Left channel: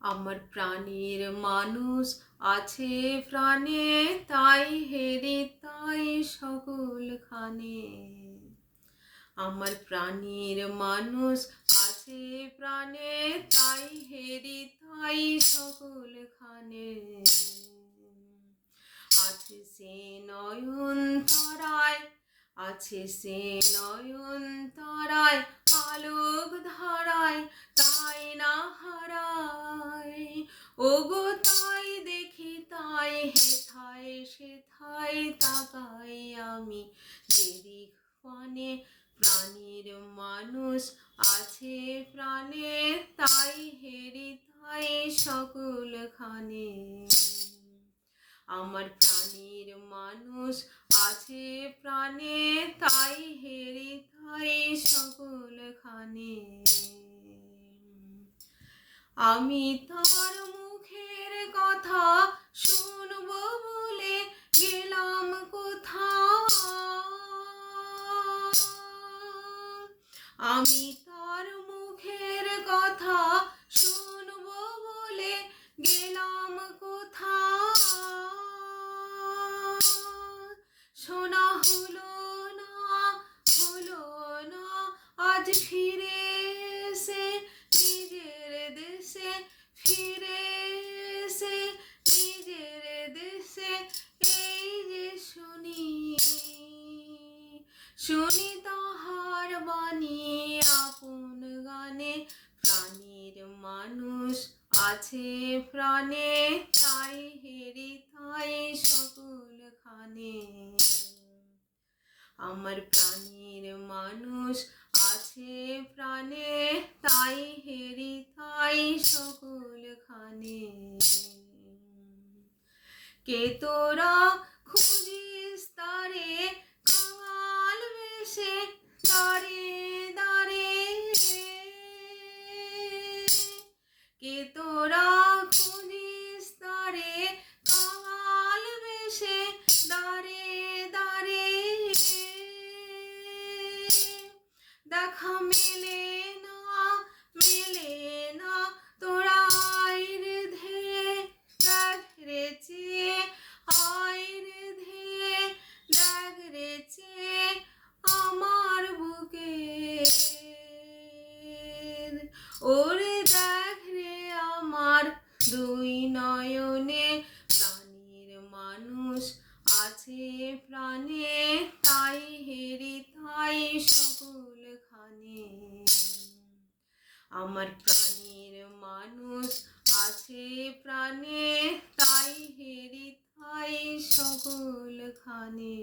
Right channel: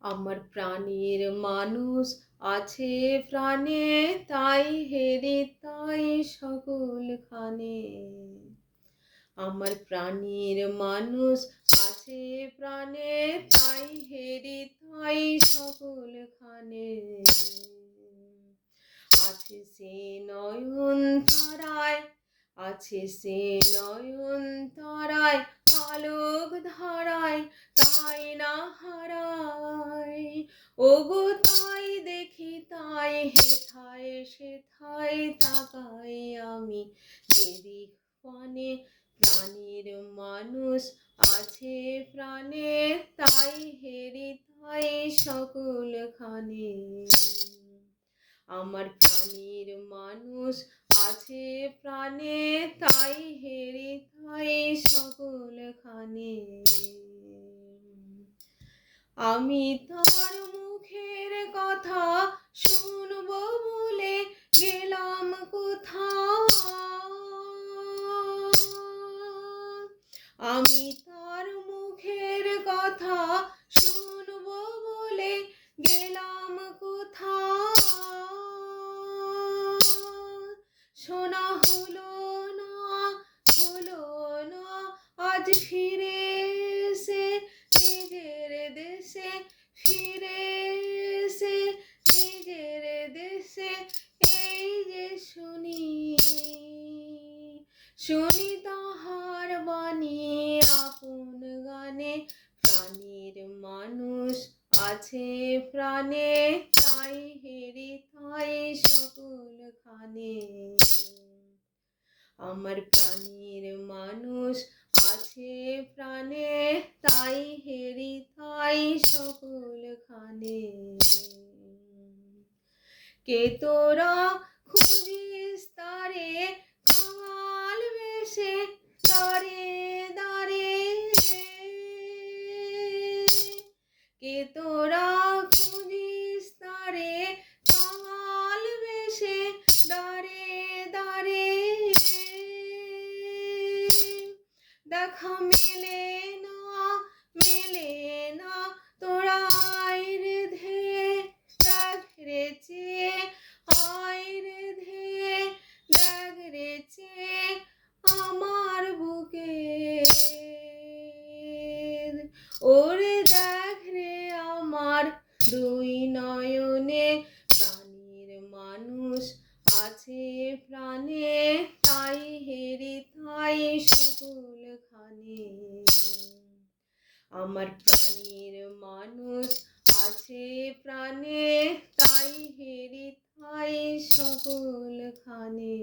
আমার প্রাণের মানুষ আছে প্রাণে, তাই হেরে তাই সকলখানে। আমার প্রাণের মানুষ আছে প্রাণে, তাই হেরে তাই সকলখানে। আছে সে নয়ন তারায়, আছে সে নয়ন তারায়, আলোক ধারায় তাই না হারায়। ওগো তাই দেখি তাই হেথায় সেথায় তাকাই আমি যেদিক পানে। প্রাণের মানুষ আছে প্রাণে, তাই হেরি তাই সকলখানে। আমার প্রাণের মানুষ আছে প্রাণে, তাই হেরি তাই সকলখানে। আমি তার মুখের কথা শুনবো বলে গেলাম কোথাও। আমি তার মুখের কথা শুনবো বলে গেলাম কোথাও। শোনা হলো না, হলো না আজ ফিরে এসে নিজের দেশে, ফিরে এসে নিজের দেশে। এই যে শুনি, শুনি তাহার বাণী আপন গানে। প্রাণের মানুষ আছে প্রাণে, তাই হেরি তাই সকলখানে। আমার প্রাণের মানুষ আছে প্রাণে, তাই হেরি তাই সকলখানে। কে তোরা খুঁজিস তারে কাঙাল বেশে, দাঁড়ে দাঁড়ে। কে তোরা খুঁজিস তারে কাঙাল বেশে, দাঁড়ে দাঁড়ে। দেখা মেলে না, মেলে না তোরা আয় রে ধেয়ে, দেখ রে চেয়ে আয় রে ধেয়ে, দেখ রে চেয়ে আমার বুকে। ওরে দেখ রে আমার দুই নয়নে। প্রাণের মানুষ আছে প্রাণে, তাই হেরি তাই সকলখানে। আমার প্রাণের মানুষ আছে প্রাণে, তাই হেরি তাই সকলখানে।